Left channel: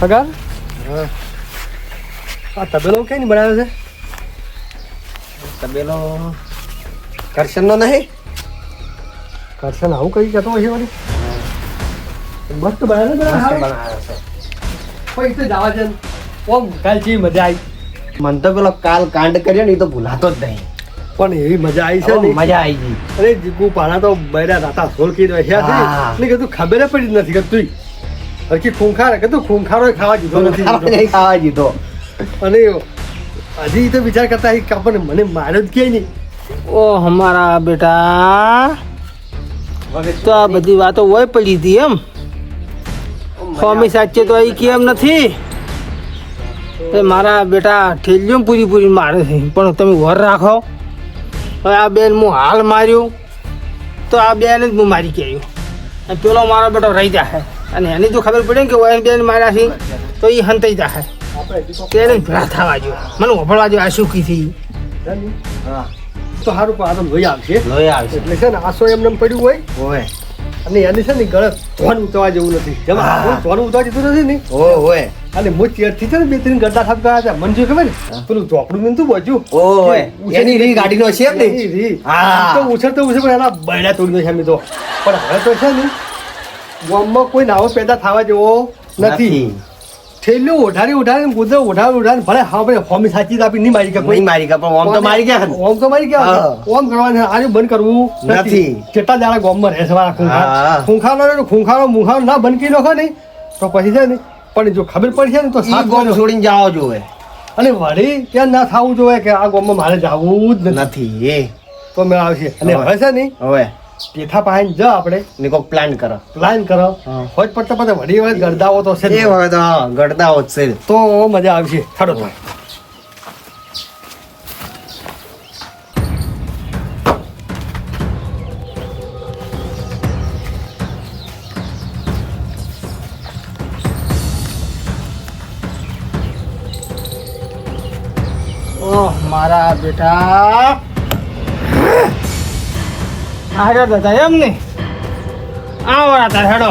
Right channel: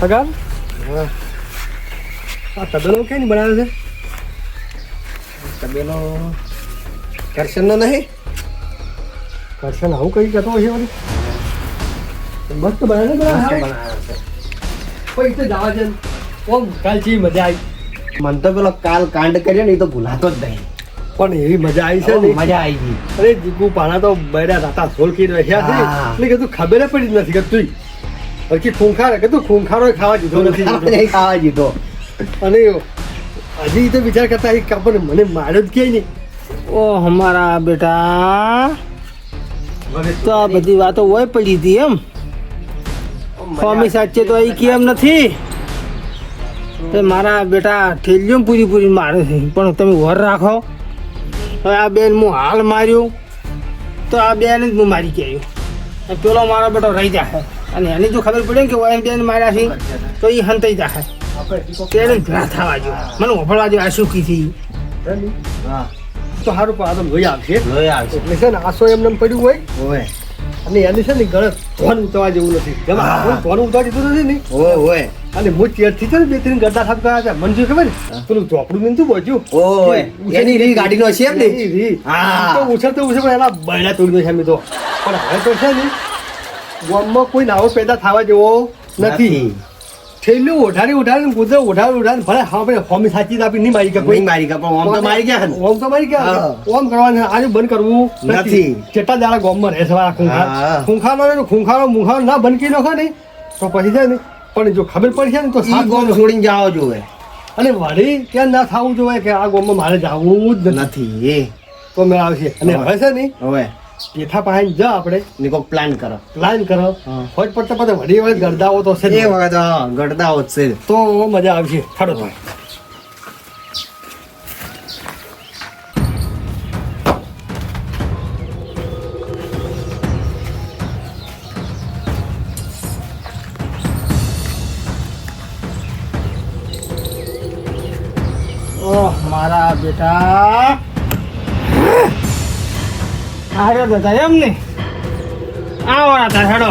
પગાર આ તબેલો કઈ નહીં બનાવ્યો છે? તબેલો કરશનનો નહીં? કરશન આવું કઈ કહેતો હોય છે વળી? મસ્ત બનાવે બનાવ્યો છે. કોઈ તો જવા છે ઓમ કાલ જેવી મજા આવી. મને તો પેલો કાલ કાંડ કર્યો ને એ તો ભૂલાતો જ નહીં. પણ એવી મજા આવી છે ને. મજા આવી ગઈ. અરે જીગુ પાણા તો બૈરા રાતા સોલ કી રહ્યા છે એટલે કીધું ખબર પડી જ નથી કે તું હરકી ખૂંખાર કીધું ખૂંખારો ખાવા દીધો નથી. ખાવા દીધો. અને હજી તો વિચાર કરતા કે આપણને મને માર્યો જ ક્યાંય નહીં. ઓ હમારા બેટા તો આ બધી વાતો હોય પડી હતી એમ. સ્વામી સાચે તો અહીં કેમ નથી એ મારા બેટા ઠેલીઓ પૂરી મારે છે પણ તમે વર રાખો. હવે આ બેન હું હાલ માર્યું તો આ બેન જ હું મારી કે આવ્યો અને પેલો મારો બેટો રહી જાય અને એની જો ખબર પડે ને કે ઓય બેન માર્યા છે તો એ હંતાઈ જાય તેને ભેળા થવા જો મને વફળવા જો આ સુખી થઈ તો સારું પણ આ તો લોહી આવશે લોહી આવશે. એટલે છે ને આસો એમને એમ પડ્યું હોય ઓય અને એની છે ને ગળે ધોન ઉતરવા જેવું નથી. જેમાં હા. આપણું ધોન ઉતરવા જેવું નથી ને ઓય અને હું ચેરથી છે ને 2-3 ગड्ढा ઠપકા હતા. મને શું ખબર ને પેલું ચોપડું નતું બચ્યું ઓય એની રીલ ગાડીનો છે ને. એની રીલ. હા. તો ઉછળતો પણ એના બૈડા તોડી નાખ્યા મેં તો. પણ હવે તો છે ને ગામમાં કોઈ નાવો પેદા થવા જેવો નથી. થેલું ઉઠાડીને કૂદે ઉઠાડીને ભલે હા ભાઈ હોમી સાચી તો આપી નહીં મારી કે નહીં મારી ગયા પણ ઓમ તો મારી ગયા ને. ઓમ તો મારી ગયા હા. ઓમ કરવાનું આજે બંધ કરવું નથી. કેટલા દાડા ગામમાં રહે છે મારા હા. ખૂંખારો મુખારો ના બંધ કરી નાખો ને તો પછી છે ને પણ જો ખબર પડશે ને તો ઈ સાત ગોમ છોડીને જાઓ જોવે અને વળી ત્યાં ના થવું જોઈએ કે આ ગામમાં મારે જવું જ નથી નથી. તો મેં આવશે અને હવે છે ને હવે પેથા પાસે જા આપણે ને કોક પ્લાન કરો. પ્લાન કરો હા. હોજ પડતા પછી વળી વળી ગરદાઓ તો છે જ. એ વખત ગડતા હોત છે. તો મજા આવશે ખાડો તો ઓહ મારા બેટા હારે દાદા એમ ને આવો તાર હેડો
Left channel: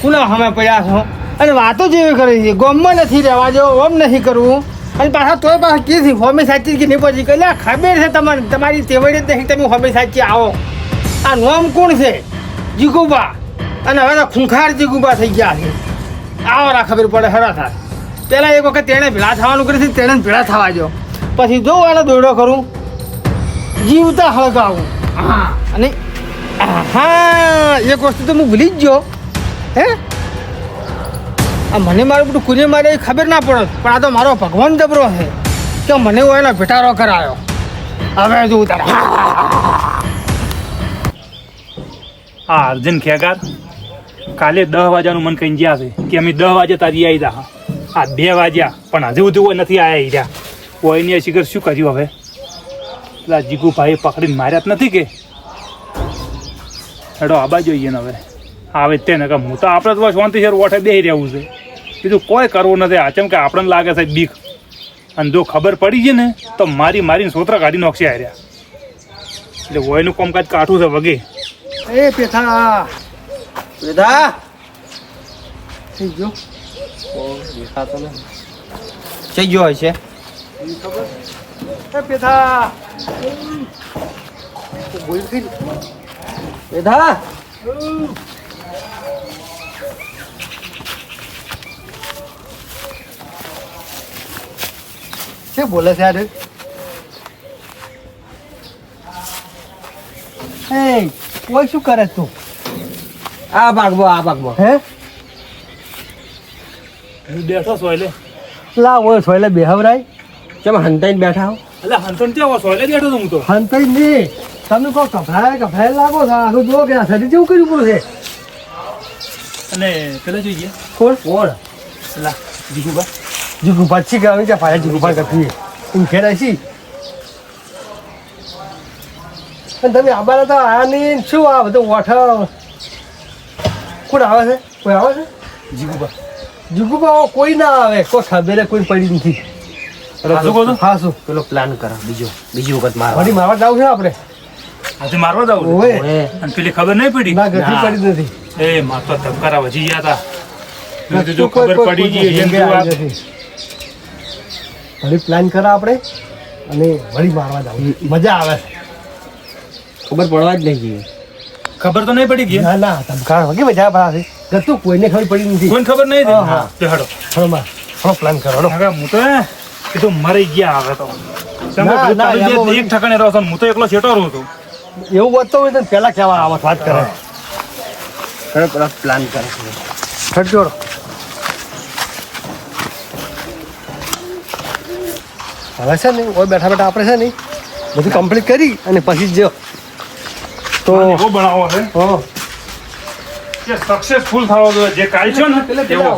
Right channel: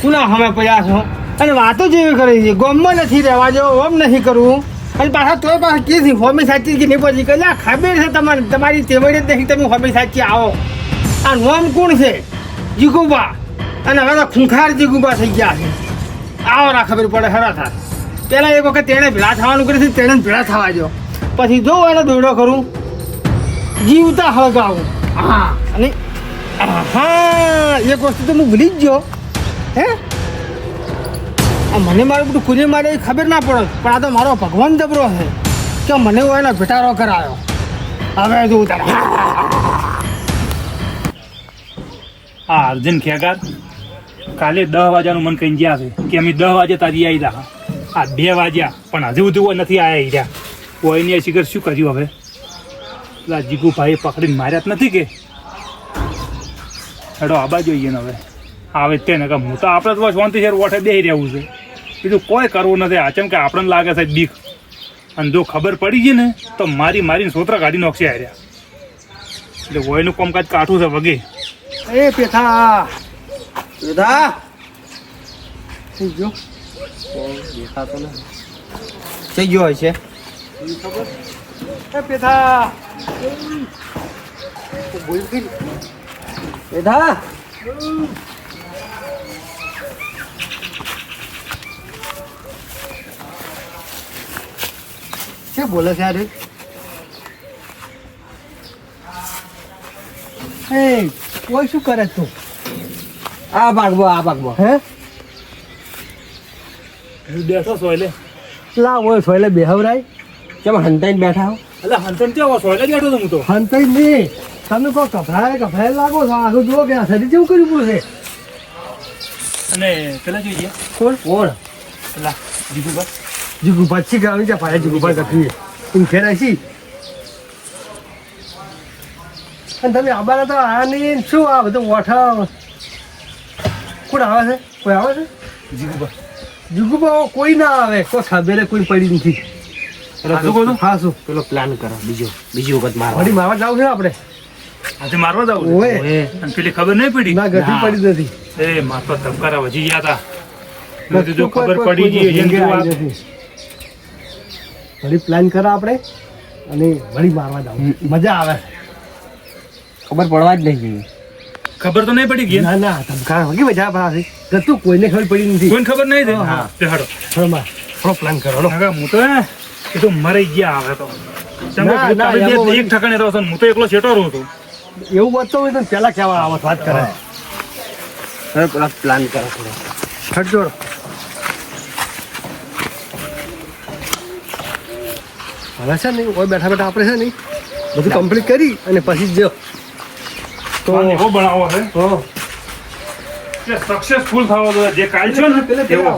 પુનઃ અમે પયા છો અને વાતો જેવી કરી છે ગમમાં નથી રહેવા જેવો ઓમ નથી કરવું અને પાછા તોય પાછા કીધી હોમી સાચી કે નહીં પછી કે ખબર છે તમારે તમારી તેવડે જ નહીં તમે હોમી સાચી આવો આ નોમ કોણ છે જીગુબા અને હવે તો ખૂંખાર જીગુબા થઈ ગયા છે આવો ના ખબર પડે હેરા થાય પહેલાં એક વખત તેણે ભેળા થવાનું કરે છે તેણે ભેળા થવા જો પછી જો એને દોડો કરું જીવતા હળગાવું હા અને હા એક વસ્તુ તો હું ભૂલી જ ગયો હે આ મને મારું બધું કુને મારે એ ખબર ના પડે પણ આ તો મારો ભગવાન જબરો છે કે મને હું એનો ભેટારો કરાયો હવે જોઉં તારે હા અર્જુન ખેગાર કાલે 10 વાગ્યાનું મન કહીને ગયા છે કે અમે 10 વાગે તારી આવી જા આ 2 વાગ્યા પણ હજુ સુધી નથી આવ્યા રહ્યા કોઈની શિખર શું કર્યું હવે પેલા જીગુભાઈ પકડીને માર્યા જ નથી કે હેડો આબા જોઈએ ને હવે આવે તેને કે હું તો આપણે તો શાંતિ છે ઓઠે બેસી રહેવું છે બીજું કોઈ કરવું નથી આચમ કે આપણને લાગે છે બીક અને જો ખબર પડી ગઈ ને તો મારીને સોતરા કાઢી નાખશે હાર્યા એટલે વયનું કામકાજ કાઠું છે વગે એ પેથા બેટા થઈ ગયો દેખાતો ને થઈ ગયો હોય છે. ખબર એ પેથા બોલ કરી બેટા શું બોલે છે યાર એ કોઈ શું કરે તું આ ભાગમાં હે હું બેઠો સોયલે લા ઓય સોયલે બેહવરાય કેમ હંતાઈને બેઠા હો? એટલે હંતન ત્યાં સોયલે બેઠો તો હું તો હંતાઈ નહીં તમે કહો કફરાય લાગો છો આખું જુઓ કે આ શરીર જેવું કર્યું પડે છે અને પેલા જોઈએ કોણ પેલા જીગુબા જીગુ પાછી કે અમે કે પાયા જીગુ પણ કરતી તું ખેડાય છી અને તમે આબાના તો આયા નહીં શું આ બધું વાઠા કોણ આવે છે કોઈ આવે છે જીગુબા જીગુબા કોઈ ના આવે કોઈ ખબર કોઈ પડી નથી શું કહો છો? હા શું પેલો પ્લાન કરો બીજી વખત મારવા. હરી મારવા જાવ છે આપણે આજે મારવા જાવ ઓય અને પેલી ખબર નહીં પડી ના ગતિ ના. પડી નથી એ માર તો ધબકારા વજી ગયા હતા મેં કીધું ખબર પડી ગઈ છે ને વાત. વળી પ્લાન કરા આપણે અને વળી મારવા જાવ મજા આવે છે. ખબર પડવા જ નહીં જોઈએ. ખબર તો નહીં પડી ગઈ ના ના ધમકાર વગી મજા આવે છે તું કોઈને ખબર પડી નથી. કોઈને ખબર નહીં હતી. હા. તે હડો થોડો માં થોડો પ્લાન કરો હળો. કાકા હું તો એ તો મરી ગયા હવે તો કેમ કે ના, ના, તારી એમાં બે એક ઠકાણે રહો છો ને હું તો એકલો છેટો રહું છું. એવું વાત તો હોય તો પહેલા કહેવા આવત વાત કરે હવે પેલા પ્લાન કરો છો. છોડજો હવે છે ને ઓય બેઠા બેઠા આપણે છે ને બધું કમ્પ્લીટ કરી અને પછી જ તો મને એવો બનાવો છે હા કે સક્સેસફુલ થવો જોઈએ જે કાલ છે ને એવો.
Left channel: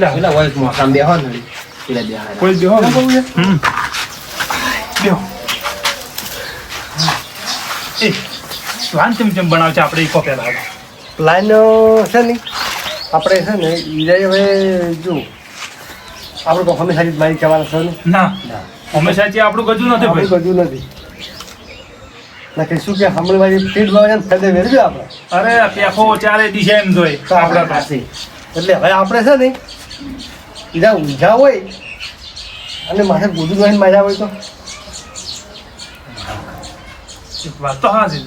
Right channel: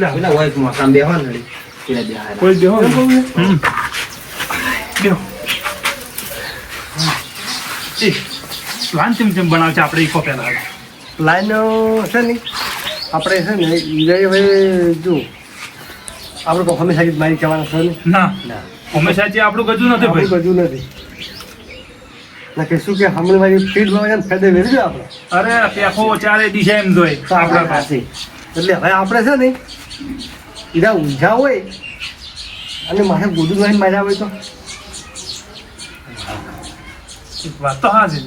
લા, પેલા હોય મોસામ બેહો ને પેલા બેહાય. કોઈ બેહો ને. હમ. બેહો. એ પ્લાન ચમ બનાવ છે આપણે ઈકો પહેલા. પ્લાન છે ને આપણે છે ને ઈરાઈ હવે જો આપણે તો હંમેશા જ મારી કહેવાના છે ને ના ના હંમેશા જે આપણું ગજું નથી આપણે ભાઈ. બધું નથી ના કે શું કે હમણાં મારી પીઠ ભાવે ફાયદે વેરજો આપણે અરે પેફો ચારે દિશા એમ જોઈ આપણા પાસે. એટલે હવે આપણે છે ને ઈરા ઊંઝા હોય અને માથે બધું જોઈને મજા હોય તો વાત તો હા છે.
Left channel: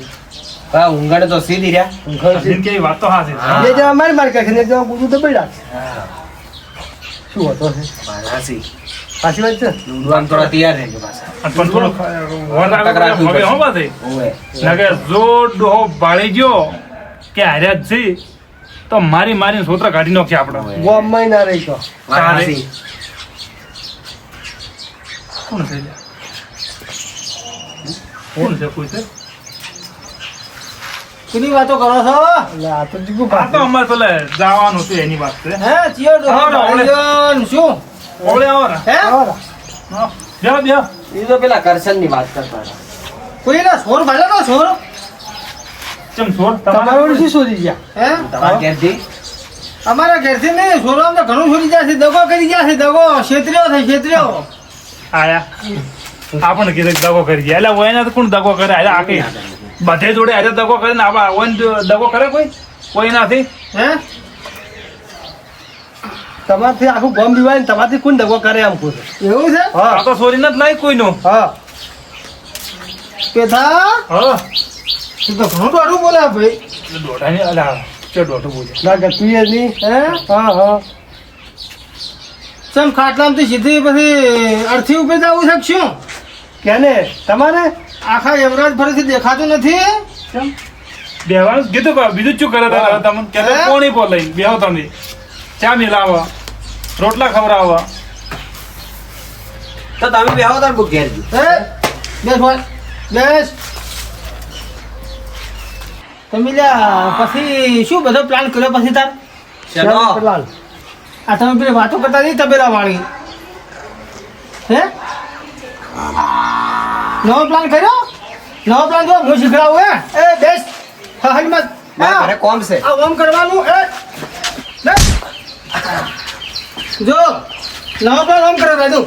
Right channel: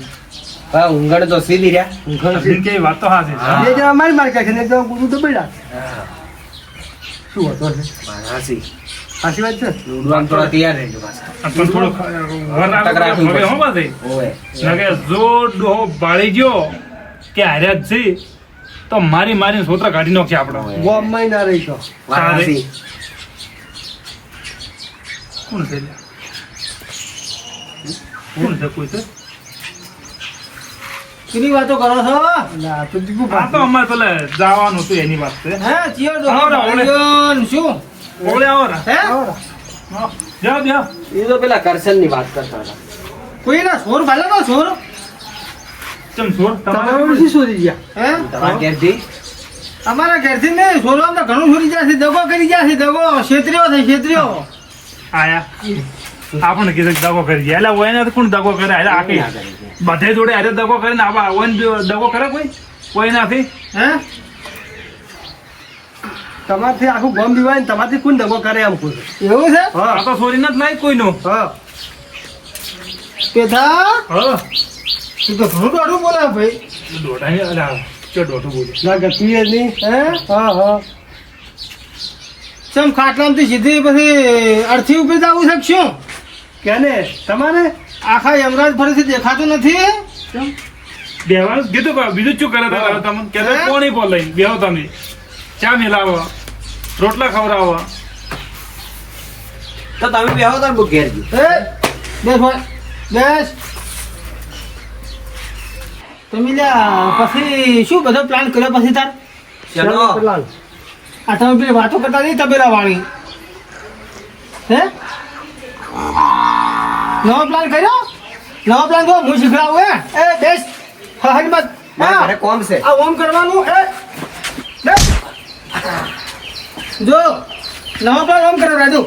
હા ઊંઘાડે તો સીધી રહ્યા. અરવિંદ કે વાત તો હા છે. બે જણા મારી મારી કાઢે ને જવા બધું દબાઈ રાખે શું હતો છે મારાસી સાચી વાત છે ઉડવાનું થોડા તૈયાર રહેજો પાછા. પણ થોડો વર રાખવું હવે હો બાદ ઓવે ના કે જો ડોહો બાળી ગયો કે હાર્યા જ છે તો મારીને સોતરા કાઢી નાખશે આપણે. ગોમમાં ના રહી તો મારાસી કોણ છે લે? કોણ છે કોઈ છે? કેની વાતો કરો છો એટલે આ તો જીગું આ તો અમારે પેલા જવાનું હતું એની વાત છે. હે ચિયો ડોહો હા, ભાળી ગયો ને શું ઓળે આવો ને. હે હા, બેહો, બેહો. એ તો પેલા કરશન ની વાત કરતા હતા. કોઈના સોર ભાલો તો સોર ચમ છો? તમારું શું શોધી ગયા હે તમારા ઘેરથી અમારા ઘરથી નહીં સોરો આમ તો ઘણું છોડી ગયા છે દગો કરી ગયા છે દગો છેતર્યો છે છેતર્યો આયા આપણને કીધું કે દગો કરી જાય એટલે હોય ને તો કોણ દગો કરે એટલે આખી બધે જોડે આજે દગો કરીને આવા હોય ને દગો કરે કોઈ નથી. હે તમારથી આખું ગમ દીવાય ને તમારથી કોણ દગો કરે આમ કોઈ એવું છે આ તો સોરી નથી નહીં કોઈનું. હા પેથા હા તું તો ઘણું ડોડું બોલે ભાઈ દોઢાની અલા ચો દોઢું બોલે. ના ગતું એ નહીં હે હા હા ચમ ખાટલામાંથી સીધી પછી અડથી ઉપર જવું શકશું કેને તમારે આખા યમરાજ ફરીથી દેખાતું નથી બેહવાનું કીધું કે બીજું શું કરે તારે હવે તમને કે હે? કોની બોલ લઈને બેહો તમે ચા મિલાવો રોટલા ખવડાવો. તો તમે બેહો તાર બુક ઘેર ગયું. હે બેસ ભાઈ બેસ તમે લ્યા પછી શું બધો પ્લાન કર્યો પછી તાર ચલો પેલા આ તમે પેલી વાતો કરતા નહીં તબેલા વાળી હે નવો પ્લાન કર્યો નવો પ્લાન જો હું શીખડાવું હે એ બેસ હજ મત મારા ઘરે કોમ છે. આ ઓમ કરવાનું એ બેસ. જો નવો પ્લાન ઓમ કરો રાજુ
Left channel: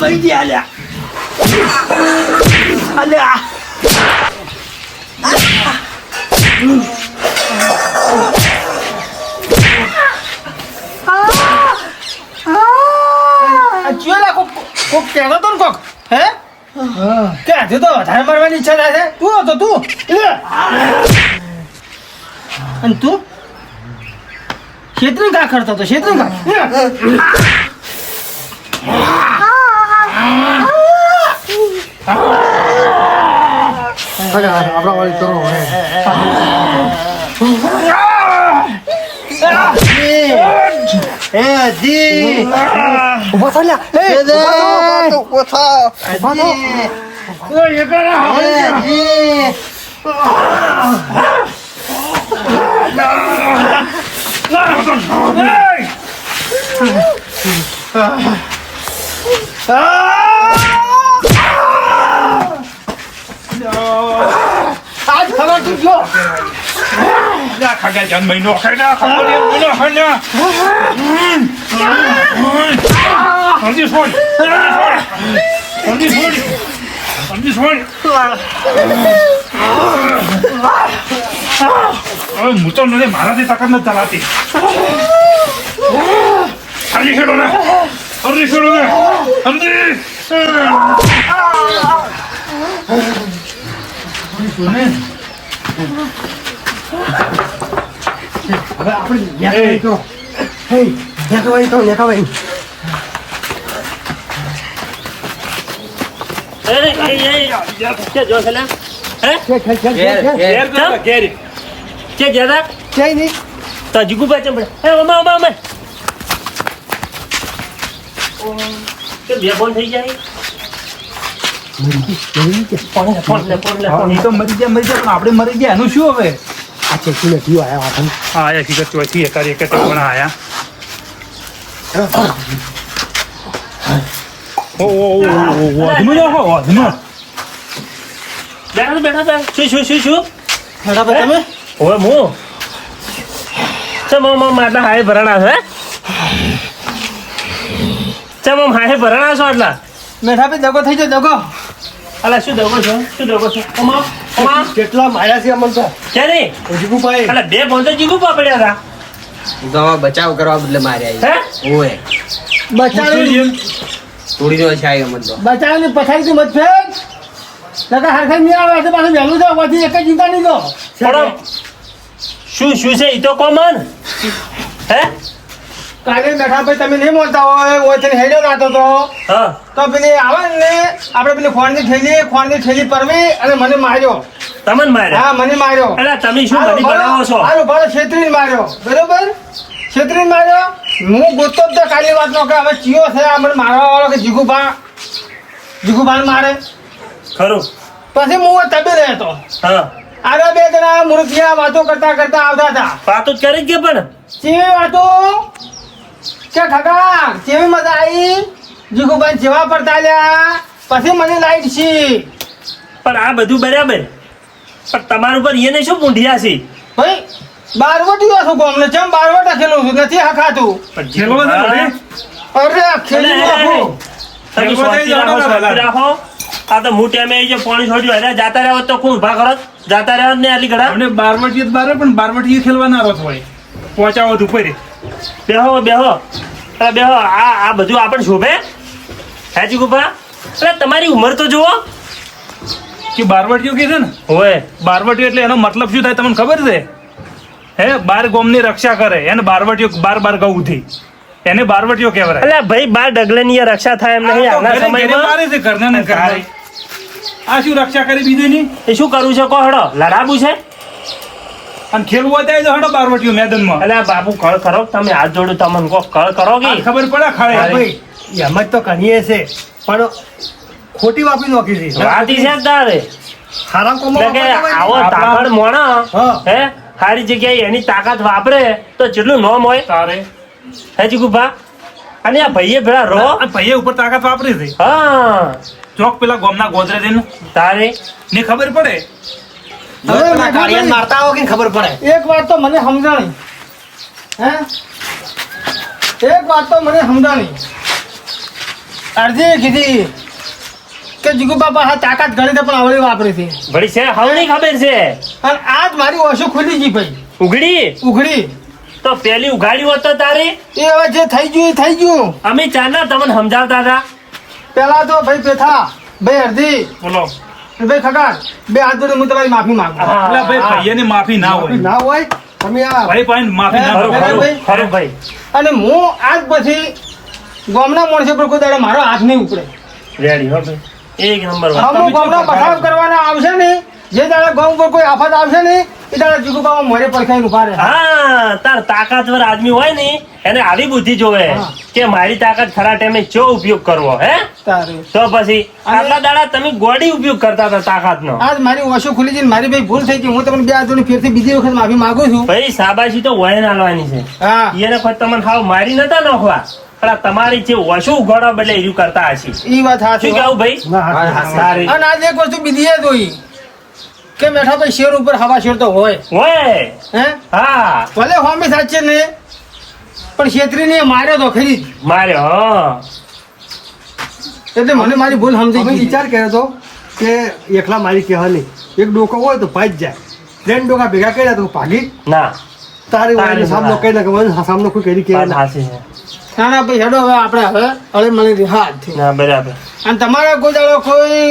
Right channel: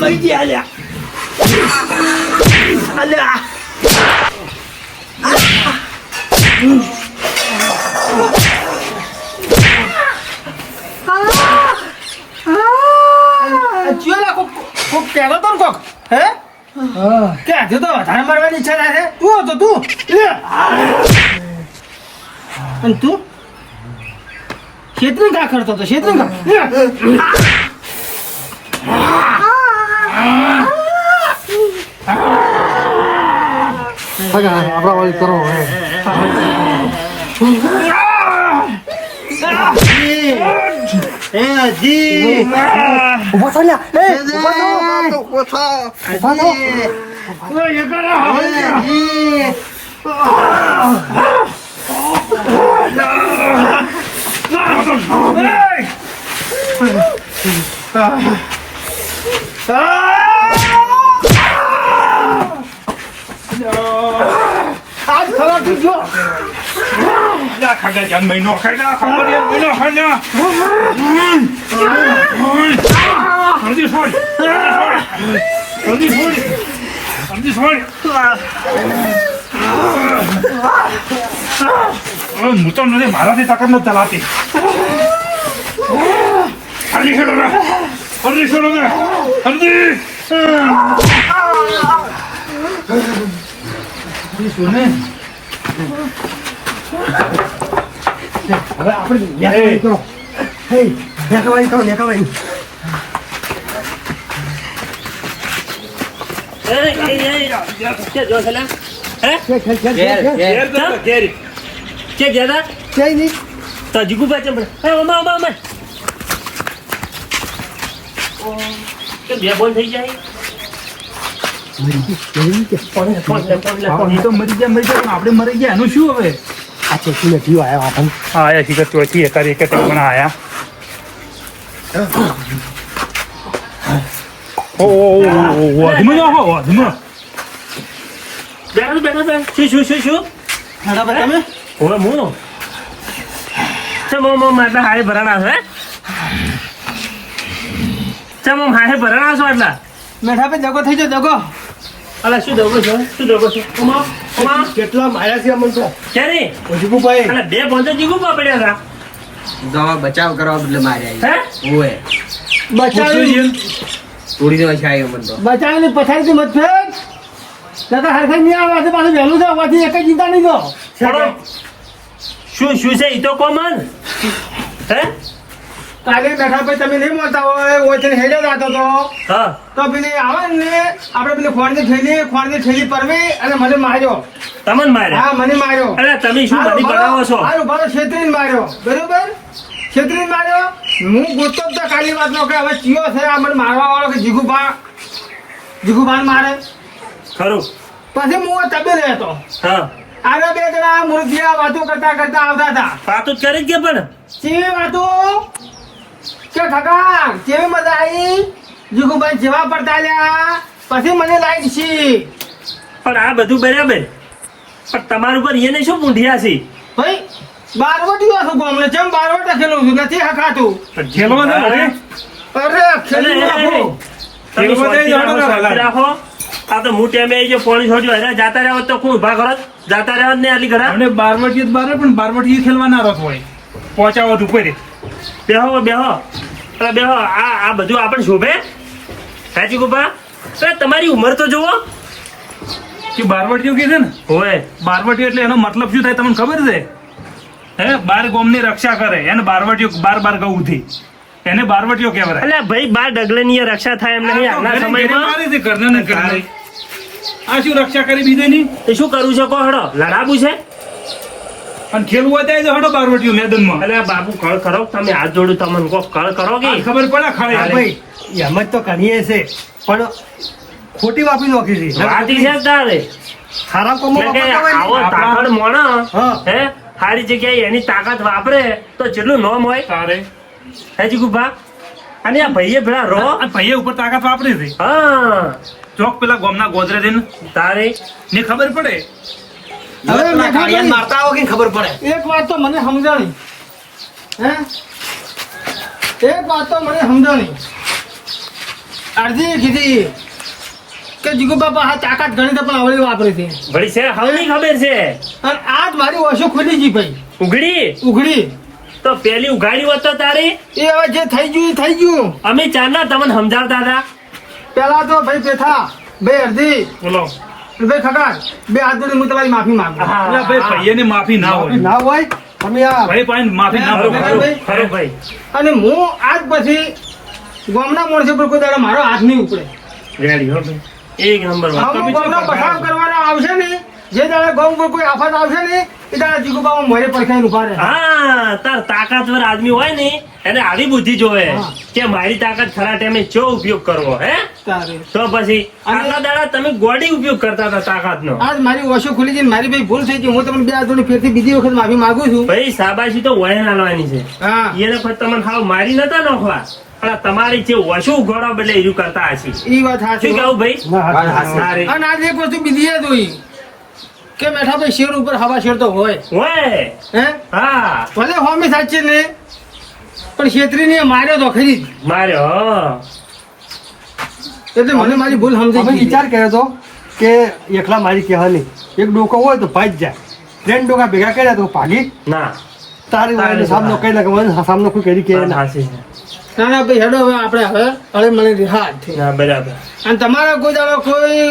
મરી ગયા લ્યા અલ્યા ચિયોલા કોક કહેતો તો ને કોક હે કે આજે તો વધારે મારવાની ઈચ્છા થાય છે તું હતો તું અને તું ક્ષેત્રી કા કરતો હતો ક્ષેત્રી કા આપણા વાળી કરો હવે એ જી ઉભા થા લ્યા એ ઉભા થા આજ ખબર તું જો ખાગા જાન મહિનો ખાડા ખાવાની મહિનો ખાડા સમજી છોડ હું તો નથી મારાથી તાકાત નથી ચલાતી સમજી છોડો ને સમજી હવે આપણે નેખાવાઈ કરો. હે, નેખાવાઈ કરો, નેખાવાઈ. ક્યાંય નહીં. એ તો મરી ગયા પણ આપણે મરી ગયા એનું શું હવે આ ચેકીને જીવ આવ્યા આપણને. હા એ જીગર ચોથી એકાદ એક પણ આયા વધમાં જાઓ વધમાં બરાબર તમે મેઠા ભાઈ દગો થઈ જાય દગો. કેટલા માયા છે અમન તો જીગુભાઈ. દવા બચાવ કરવા બદલે માર્યા ઓએ બચાવી થોડી જો છે અમન તો બચાવીને પછાડી મત ફેંક. લગા હરખાઈ નહીં આવે તો પાછું વહેલું છે વાથી એક જ ચિંતા નહીં લો. શું છે ઈ તો કોમન હે કાલે મેઠા ભાઈ તમે નહીં મળતા હોય ઓથી હેલ્યો નાતો હા તો પેલી આવે ને આપણે પેલી ખોણની થેલી પરવી અને મને માર્યો. તમને માર્યા હા મને માર્યો. અલા તમે શું મને બનાવો છો ભારો છેતરીને માર્યો. બરોબર છેતરીને માર્યો. હું ગોતતો જ તો કાલી વાતનો કે હવે ચિયો છે આ મને મારવા વાળો કે જીગુભા મારે. ખરું પછી હું તબેલે હતો. હા આગળ બે જણા મૂર્તિયા વાતો કરતા આવતા હતા. વાતો જ કરી જ કે પણ કેવી વાતો કે ખગા કેવી મજા આવી જીગુભા જેવા પડતા લ્યા પછી મને લાઈટ છી. પણ આ બધું બરાબર પણ તમારા ઉપર એને શું પૂંઢિયા છે ભાઈ બારવટીયો છું ગોમને જેમ બારવટા ખેલું છું નથી હકાતું. પણ જેલો ને અરે અરે ખેલું રાખું. તમે એવું શાંતિ બધાય રાખો, જાણો શાંતિ ને રાખો. આ તો હું ટાઈમે જે પાણી છોડ્યું અરે જાતા રહ્યા હોત તો કોણ ઉભા કરત જાતા રહ્યા હોત ને આટલી ઘડા અમને બારવટી બારે પણ બારવટી ખેલવા ના રસ હોય પહોંચાવત ઉપર બેહો આ બધું આપણે શોભે હાજી ગુપા અરે તમારી ઉંમર તો જુઓ કે બારવટીઓ કે છે ને હોય બારવટી એટલે એનો મતલબ શું થાય તમને ખબર છે હે બાર ગોમની રક્ષા કરે એને બારવટીઓ બાર ગૌ થી એને બારવટીઓ કહેવાય અલ્યા ભાઈ બાર ડગલાની આ રક્ષા થાય એમ નહીં આના સમયમાં મારે છે ઘરના ને ઘરના આ શું રક્ષા કરી બીજે ની એ શું કરવું છે કહો હડો લડાવું છે અને ખેલવું હોય તો હડો બારવટીઓ મેદાનમાં અલ્યા બાપુ કળ કરો તમે હાથ જોડું તમને કહો કળ કરો કે આ ખબર પડે હા ખાય ભાઈ એમ જ તો ઘણીએ છે પણ ખોટી વાપરી નોખી છે. વાતી છે તારે હારા કોમો એટલે કે વાપરતા હોય આવો ને. તાકડ મોણો હા. હે સારી જગ્યાએ એની તાકાત વાપરે તો જેટલું નોમ હોય તારે હે જીગુભા અને આ ભાઈએ ભેળા રો આ ભાઈએ ઉપર તાકાત વાપરી છે હા ચોક પેલા ગોમના ગોદરે છે ને તારે ને ખબર પડે હવે મેઠા કાળિયાને ભાઈ, મારતા આવો કે ખબર પડે. એક વાત તો મને સમજાણી હે એક વાત તો મને સમજાણી અરજી કીધી કે જીગુ બાપા હા તાકાત ઘણી છે પણ આવડી વાપરી હતી વળી છે હવની ખબર છે અને આજ મારી ઓછું ખુલી ગઈ ભાઈ ઉઘડી ઉઘડી તો પેલી ઉઘાડી હોત તો તારી એ હવે જે થઈ ગયું એ થઈ ગયું. અમે ચારના તમને સમજાવતા હતા પેલા તો ભાઈ પેથા ભાઈ અરજી બોલો ભાઈ ખગાડ બે હાથ જોડી હું તમારી માફી માંગુ. હા, એટલે ભાઈ હા. ભાઈએની માફી ના હોય ના હોય તમે આ ભાઈ પાસે માફી ના ખરું, હોય ખરું, ભાઈ. ખરું ભાઈ અને હું આજ પછી ગામના માણસો પર કોઈ દાડો મારો હાથ નહીં ઉપડે. રેડી હો ભાઈ એક નંબર વાત. અમુક ગામના પસાર કરવાના આવશે ને જે દાડે ગામ પર કોઈ આફત આવશે ને એ દાડે જીગુબાબા મોરે પડખાઈને ઉભા રહે. હા તાર તાકાતવર આદમી હોય ને એને આવી બુદ્ધિ જોવે હા. કે મારી તાકાત ખરા ટાઈમે ચો ઉપયોગ કરવો હે તારે તો પછી આટલા દાડા તમે ગોડી ઉપયોગ કરતા હતા તાકાતનો આજ મારી ઓછો ખુલી છે ને મારી ભાઈ ભૂલ થઈ ગઈ હું તમને બે હાથ જોડી ફેરથી બીજી વખત માફી માંગુ છું. ભાઈ શાબાશી તો વહે નાલવાની છે હા એને પછી તમને હાવ મારી નતા નોખવા પણ આ તમારી જે ઓછું ઉઘાડવા બદલે એવું કરતા હશે એ વાત સાચી શું હો. કેવું ભાઈ ના, હા, હા, હા. સારી. અને આજ એક વસ્તુ બીજી એ જોઈ કે બેઠા ભાઈ શેર ઉપર હવા શેર તો હોય ઓય હે હા ભલે હોમી સાચી ને પણ છેતરીને માર્યો તો ખરી જ. માર્યો હા. એટલે મને મારી ભૂલ અમે સમજી વિચાર કર્યો હતો કે એકલા મારી કહેવા નહીં એક ડોકો હોય તો ભાઈ જ જાય 3 ડોકા ભેગા કર્યા તો ભાગી ના તારી વાયનો સામનો કરી નાખે મને સામનો કોઈ કરી કે વાત ના સાચી છે. ના ના ભાઈ હેડો હવે આપણે હવે મને રિહાજ છે ના બરાબર અને તમારા કોઈ દાડો કોઈ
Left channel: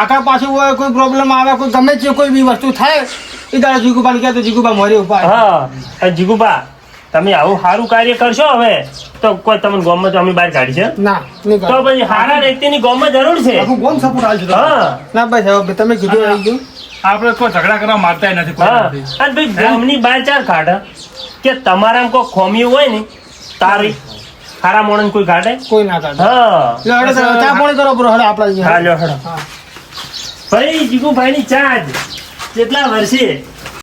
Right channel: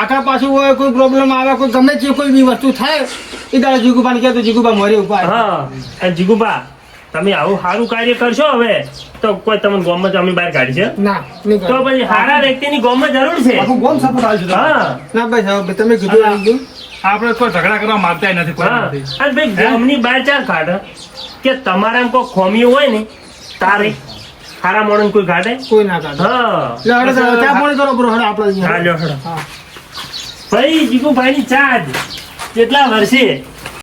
આખા પાછું હોય કોઈ પ્રોબ્લેમ આવે કોઈ ગમે તે કોઈ બી વસ્તુ થાય એ દાડો જીગુબાને કહે તો જીગુબા મોરી ઉપાય હા અને જીગુબા તમે આવું સારું કાર્ય કરશો હવે તો કોઈ તમને ગોમમાં તો અમે બહાર કાઢી છે ના નહીં તો કરો. પછી સારા વ્યક્તિની ગોમમાં જરૂર છે આખું ગોમ સપોર્ટ આવશે તમને. હા ના ભાઈ હવે તમે કીધું હા. એકદમ. આપણે કોઈ ઝઘડા કરવા માંગતા નથી કોઈ હા નથી. અને ભાઈ ગોમની બહાર ચાર કાઢે કે તમારા કોઈ ખોમિયું હોય ને તારે ખારા મોણન કોઈ કાઢે કોઈ ના કાઢે હા એટલે હવે તો ચા પાણી કરો બ્રો હેડો આપણે હા, અહીંયા. લ્યો, હેડો. હા ભાઈ જીગુભાઈની ચા જ કેટલા વર્ષે